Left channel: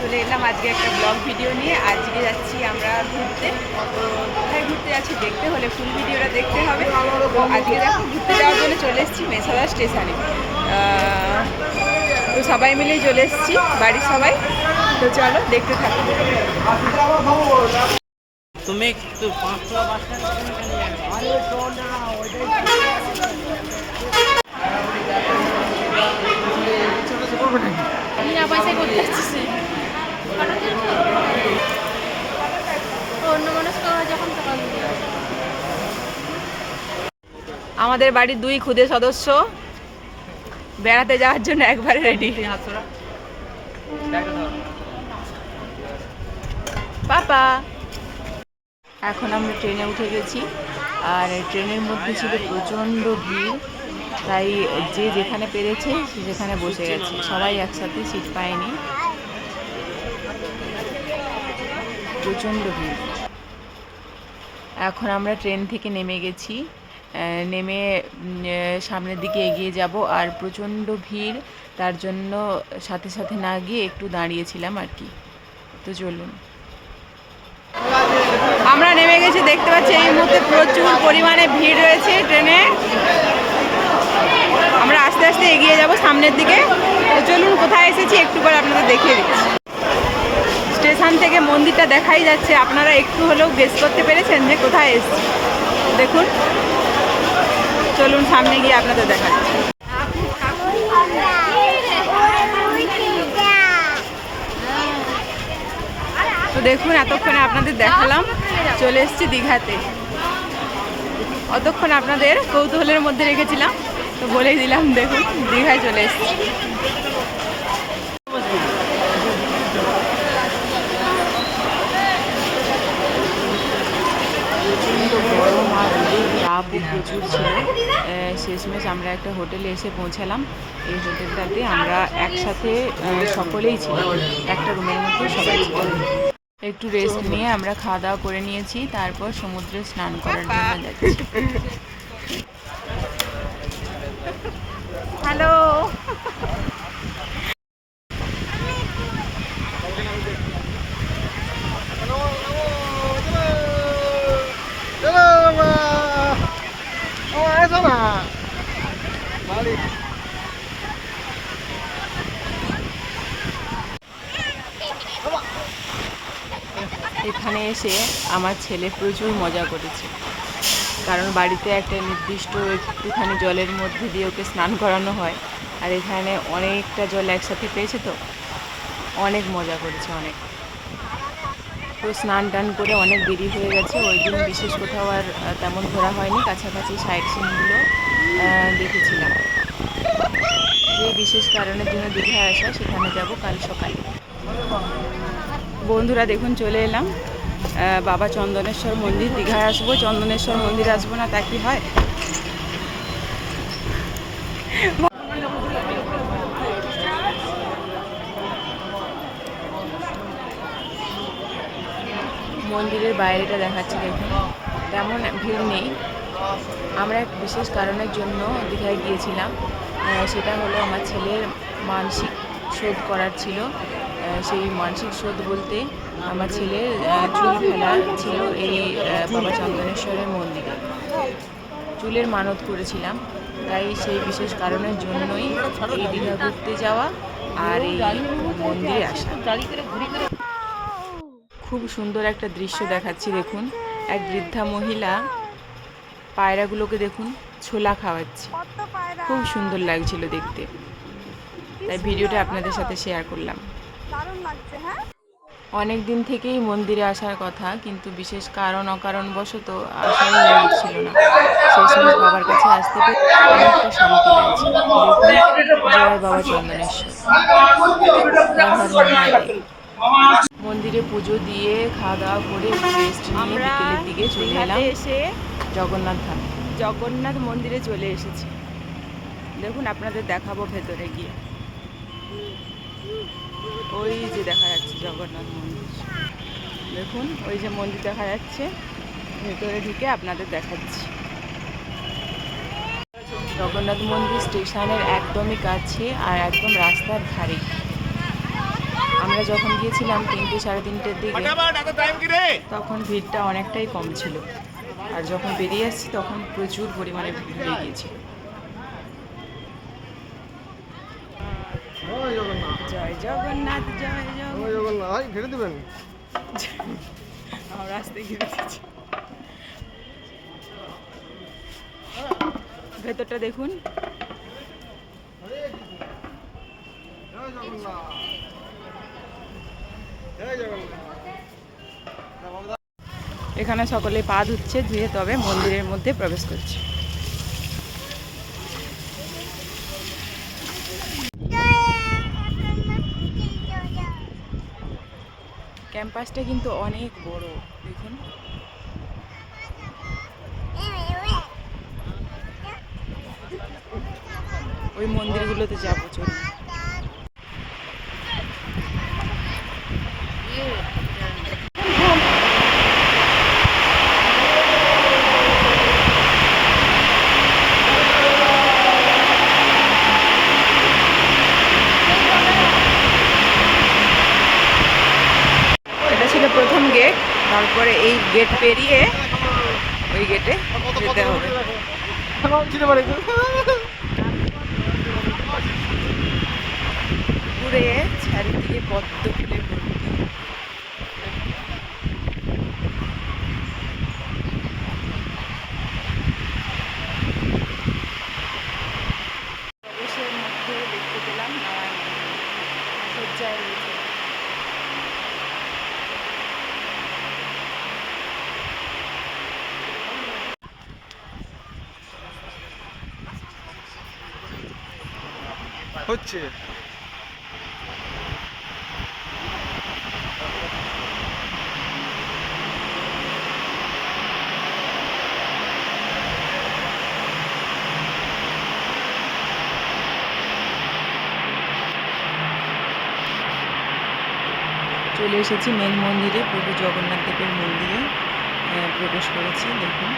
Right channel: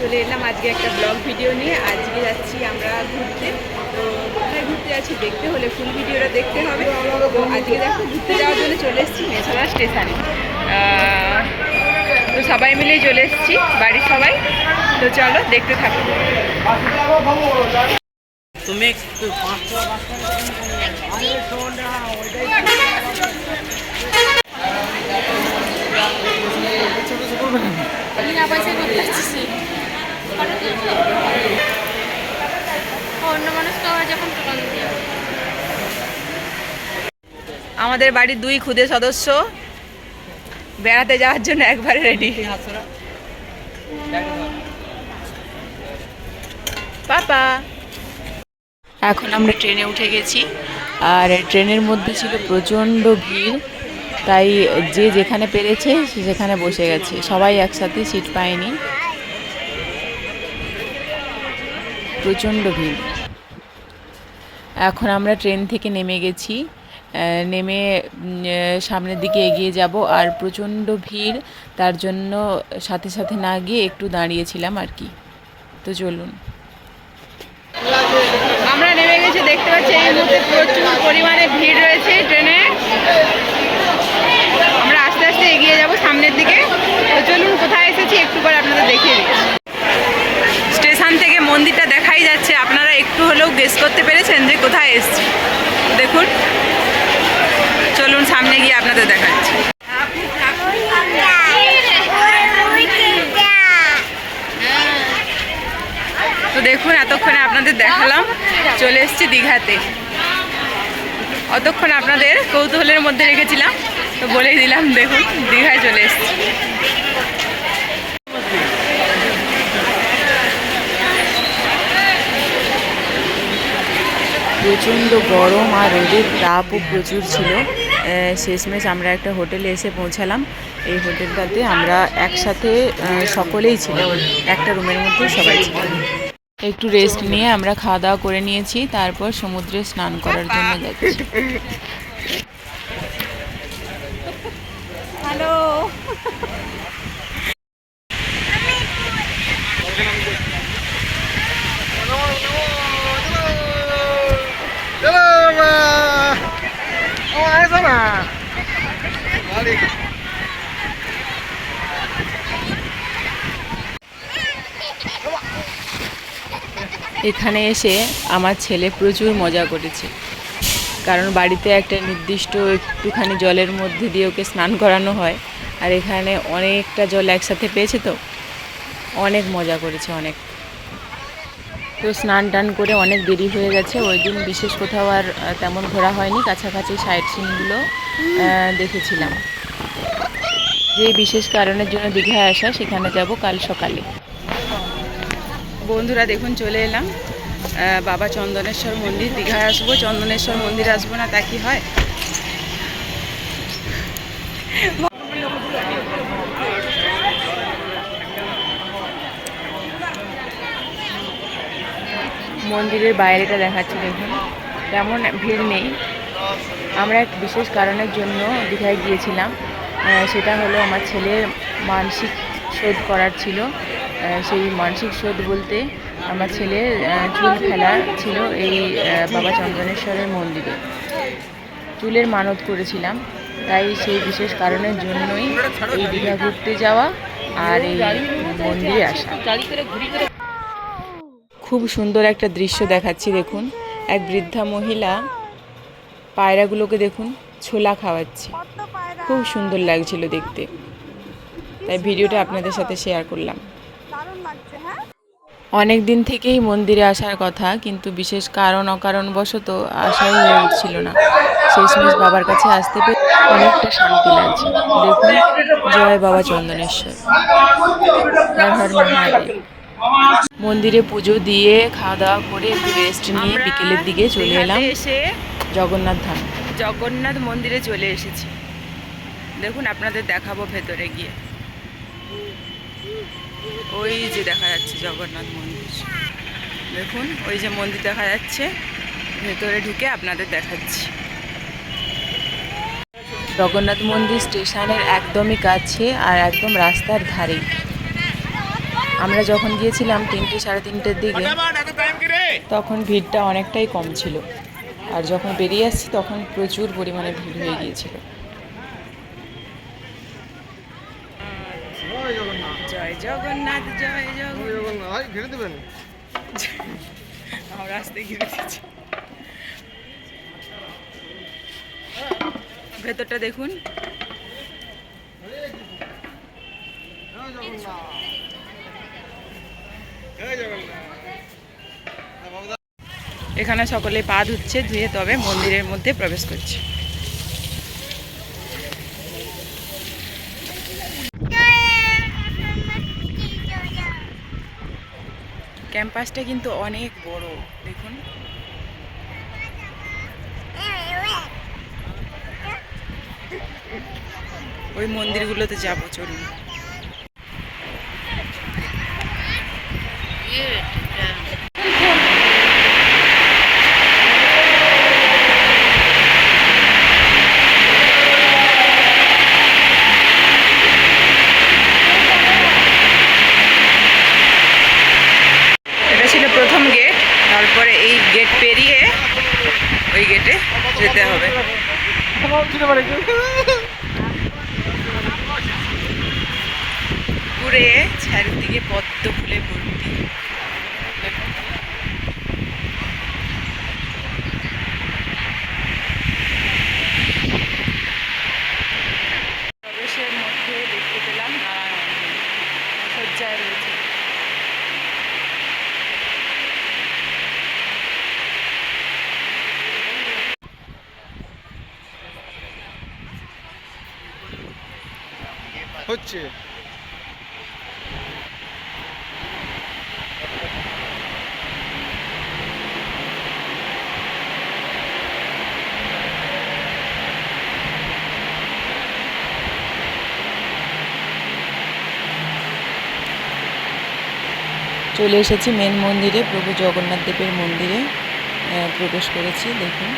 চলে এলাম আজকে একটা ব্লগ ভিডিও নিয়ে। আজকে যাচ্ছি আমরা ঘুরতে। তো কোথায় ঘুরতে যাচ্ছি দেখতে হলে ফুল ভিডিওটা দেখতে হবে। তো আজকে দেখো ঘুরতে যাওয়ার জন্য চলে এসেছি মেছাদা স্টেশনে। তো সবাই মিলেই চলে এসেছি, বাড়ির সবাই। তো চলো দেখতে থাকো। তুমি আমাদের বাড়ির 2 খুদে সদস্য বেড়াতে যাওয়ার জন্য একবারে রেডি। পাপা, এখন আমরা ট্রেনে উঠে গেছি। আর ট্রেনের মধ্যে ছিল প্রচণ্ড ভিড়, তাই যে যেখানে পেরেছে সে যেখানে বসে গেছে, সবাই একসাথে সিট পায়নি, প্রচণ্ড ভিড়। এখন আমরা ট্রেন থেকে নেমে গেছি, নেমে সামনের দিকে এগিয়ে যাব। আর প্রচণ্ড ভিড়, তার জন্য সাথে সাথে না গিয়ে একটু দাঁড়িয়েছিলাম আর কি। তো চলুন, আমরা নেমে গেছি। দেখতে পাচ্ছি এই মুহূর্তে প্রচুর পরিমাণে ভিড় রয়েছে ট্রেনে। আমরা আস্তে আস্তে এগিয়ে যাব সামনের দিকে। তো চলুন, কোথায় এসেছি একটু পরে আপনাদের দেখিয়ে দিচ্ছি। স্টেশন থেকে মন্দিরটা দেখাই যাচ্ছে, আপনারা একটু হলেও গেস করতে পেরেছেন যে কোথায় এসেছি। দেখুন, চলুন সামনে গিয়ে আপনাদের দেখাচ্ছি। তো দেখুন, এতক্ষণে আপনাদের দেখালাম চলে এসেছি দীঘাতে। অতক্ষণ আপনাদের কৌতূহলের মধ্যে রেখেছিলাম, তো বলেই দিলাম, দেখুন দীঘায় চলে এসেছি। প্রচণ্ড গরম আর রোদের তাপও প্রচুর ছিল। শেষমেশ আমরা একটা হোটেলে এসে পৌঁছালাম। এই হোটেলটাতে আমরা একসাথে সকলেই ছিলাম, একটা রুমের মধ্যে সবাই ছিলাম। একটু রেস্ট নিয়ে আমরা খাওয়া দাওয়া করে নিয়েছি, তারপর সমুদ্রে স্নান করার জন্য যাচ্ছি। হ্যালো, এখানে এসে আমার ছেলে প্রচুর মজা করেছে, কারণ বাড়িতে একটা নির্দিষ্ট একটুখানি জলের মধ্যে দিয়ে ওকে স্নান করানো হয়, আর এখানে অনেকটা জল একসাথে পেয়েছে, তো অনেক মজা করেছে, অনেক। তো স্নান টান করে অনেক দেরি হয়ে গেছে। ওই দিন বিশেষ কোথাও আর তেমন ঘোরা হয়নি, কাছাকাছি সাইট সিনগুলো দেখেছিলাম। যে বিশেষ কারণের জন্য দীঘায় আসা, সেখানে যাব কাল সকালে। বন্ধুরা দেখুন, চলে এলাম বাবা চন্দনেশ্বর মন্দির। দীঘায় আসবো, চন্দনেশ্বর মন্দির আসবো না তা কি হয়? মন্দিরের বাইরেটা দেখাচ্ছি, দেখুন তেমন ভিড় নেই। আমরা এক বিশেষ কারণের জন্য দীঘায় গিয়েছিলাম, সেটা হলো আমার ছেলের মানসিক শোধ করার ছিল। সেই মানসিক শোধ বলতে আমার ছেলের চুল ফেলা ছিল এই বাবা চন্দনেশ্বরের মন্দিরে। চুলের মানত করেছিলাম, তাই সেই বিশেষ কারণের জন্যই এই দীঘা ঘুরতে যাওয়া আর এই মন্দিরে আসা। খুব সুন্দর একটা দৃশ্য দেখাচ্ছি, দেখুন এক বৃদ্ধা মহিলা পায়রাগুলোকে দেখুন ছোলা খাওয়াচ্ছে, খুব সুন্দর লাগছিল দেখতে, তাই ভিডিওটা আপনাদের সাথে শেয়ার করলাম। অনেক দিন থেকেই মন্দিরে আসার কথা, কিন্তু বিশেষ কারণ অকারণবশত আসাই হয়ে উঠছিল না। শেষমেশ বাবার কাছে আসতে পেরে অনেকটা শান্তি লাগছে। দেখুন, জয় বাবা চন্দনেশ্বর, মন্দিরে পুজো দিয়ে খাওয়া দাওয়া করে একটু রেস্ট নিয়ে বিকেলের দিকে চলে এলাম এসে জগন্নাথ ধাম। জগন্নাথ মন্দিরে চলে এসেছি, দেখুন আপনাদের দেখাবো ভেতরে গিয়ে। ওই যে দেখা যাচ্ছে জগন্নাথ মন্দির, দেখুন ওই যে মন্দির দেখা যাচ্ছে, ভেতরে ঢুকে আপনাদের দেখাচ্ছি। জগন্নাথ মন্দির স্টেশনের একদমই কাছে আর একদম রাস্তার ধারে। আমরা যখন গিয়েছিলাম 3টে সাড়ে 3টের দিকে, তখন ভিড়টা অনেকটাই কম ছিল, আর যখন বেরিয়ে আসছি তখন প্রচুর পরিমাণে ভিড় হয়ে গিয়েছিল। জয় জগন্নাথ, জয় জগন্নাথ। আমরা রাস্তায় ঘিরে দিচ্ছি। ভেতরটা দেখুন। এখানে সকলে পা ধুচ্ছে, ধুয়ে তবে মন্দিরের মধ্যে প্রবেশ করছে। ক্যাম্পাসটা কিন্তু অনেক বড়, দেখুন। ওই মন্দিরগুলোতে যাবো, চলুন। এটা ছিল প্রথম গেট, তারপরে এই গেট পেরিয়ে ওই গেটে যেতে হবে। পুরে চারিদিকে পদ্ম ফুলে ভর্তি। প্রবেশের মধ্যে দেখতে পেলাম নারায়ণ সজ্জায় রয়েছে। হচ্ছে চলে এসেছি মেন মন্দিরে, প্রভু জগন্নাথ দেবের মন্দিরে প্রবেশ করেছি, দেখুন।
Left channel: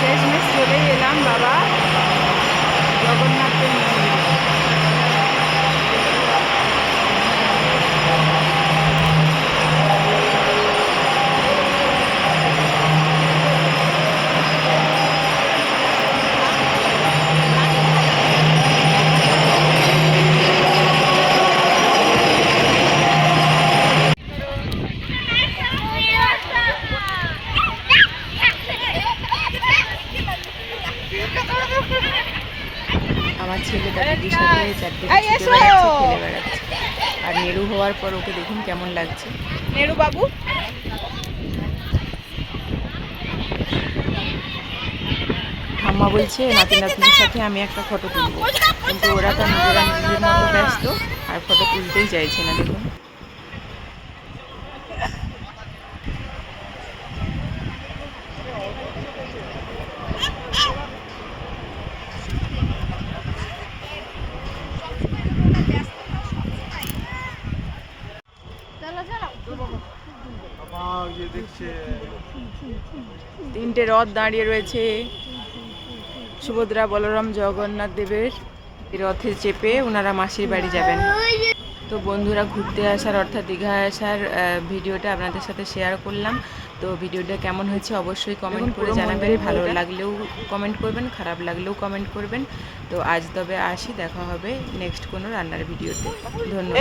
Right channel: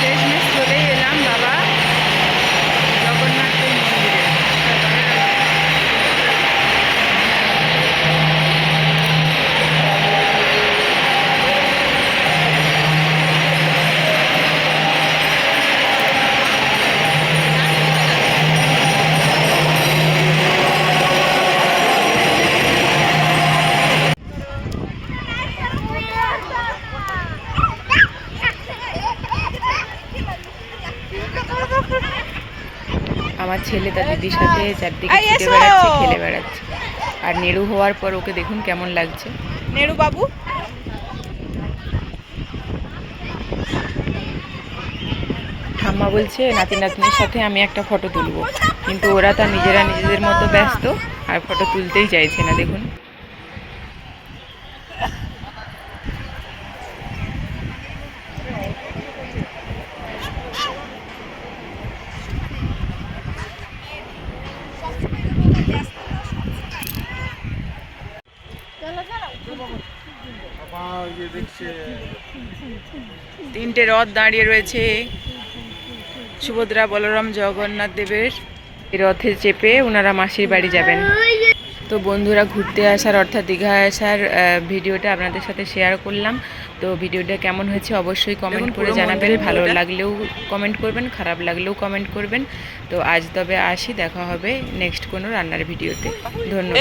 শেষমেশ চলেই এলাম বাবা জগন্নাথের মন্দিরে। আমার ছেলে তার দিদির সাথে চারদিকে ছুটে বেড়াচ্ছে, খেলে বেড়াচ্ছে। আর নেড়ু হওয়ার পর ওকে দেখুন কেমন লাগছে। নেড়ু বাবু, ঠাম্মা বলছে নাতি নাতনির সাথে আমি একটা ফটো তুলবো, কিন্তু ওরা তার নিজেদের মতো ব্যস্ত, আর ফটো তুলতেই চাইছে না, দেখুন। তিনটে রথ দাঁড়িয়ে রয়েছে, সুভদ্রা, বলরাম, জগন্নাথ দেবের। এই রথে চেপে ওনারা মাসির বাড়ি যাবেন। তো বন্ধুরা, ঘুরতে আসার অর্থাৎ দীঘা আসার ভিডিওটা আপনাদের সাথে শেয়ার করলাম। তো ভিডিওটা কেমন হয়েছে অবশ্যই কমেন্ট করে জানাবেন। ভালো লাগলেও কমেন্ট করবেন, খারাপ লাগলেও কমেন্ট করবেন। তো আজ তবে আসি, দেখা হবে নেক্সট কোনো রান্নার ভিডিওতে। ধন্যবাদ।